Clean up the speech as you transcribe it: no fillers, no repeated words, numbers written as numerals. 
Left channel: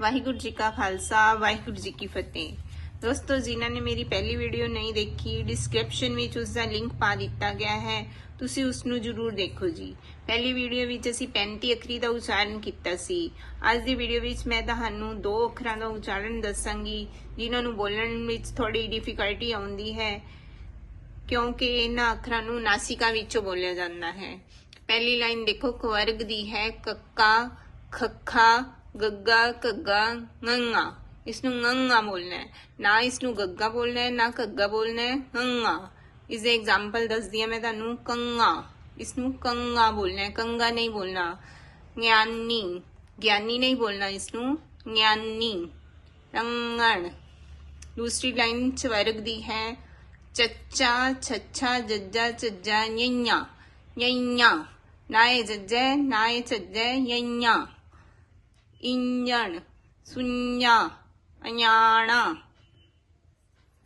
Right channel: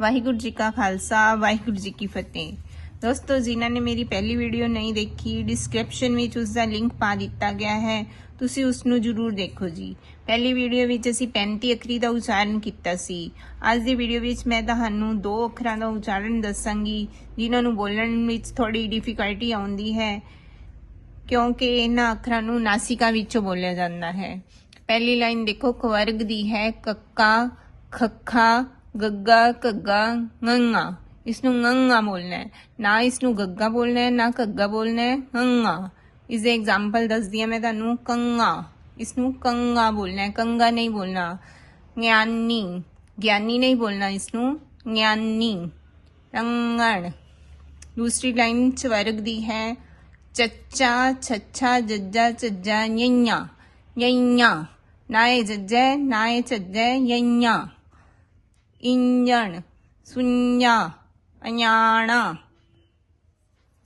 वाहिगुरू जी का खालसा वाहिगुरू जी की फतेह। दोस्तों, जिन्होंने मेरी पहली वीडियो नहीं देखी, डिस्क्रिप्शन में उसका लिंक पा दिता गया है, तुसी उसनू जरूर देखो जी। पहली वीडियो विच असी 35 अखरी का उच्चारण किया सी। अज की वीडियो विच मैं तुहानू 2 अखरां का उच्चारण दसांगी जिन्होंने बोलण विच थोड़ी डिफिकल्टी आउंदी है, क्योंकि इन्हां अखरां नू नासिका विचों बोलिया जाता है। पहली लाइन देखो, कवर्ग दी है कक्का, खखा, गग्गा, घग्गा, ngंगा। इसनू ngंगा बोलना है, ना इसनू गग्गा बोलना है ना घग्गा बोलना है, ngंगा। इसके एग्जाम्पल दस दिया मैं तुहानू, कंगा, इसनू कंगा बोलना है, कंगा नहीं बोलना। ज्ञानी, ज्ञानी नहीं बोलना, इसनू ज्ञानी। अंगण। दूसरी लाइन चवर्ग दी है चच्चा, छच्छा, जज्जा, चज्जा, यंया, यंया। ना ये जज्जा है ना ये चज्जा है, यंया। इंजन, सुन्या, अयाणा,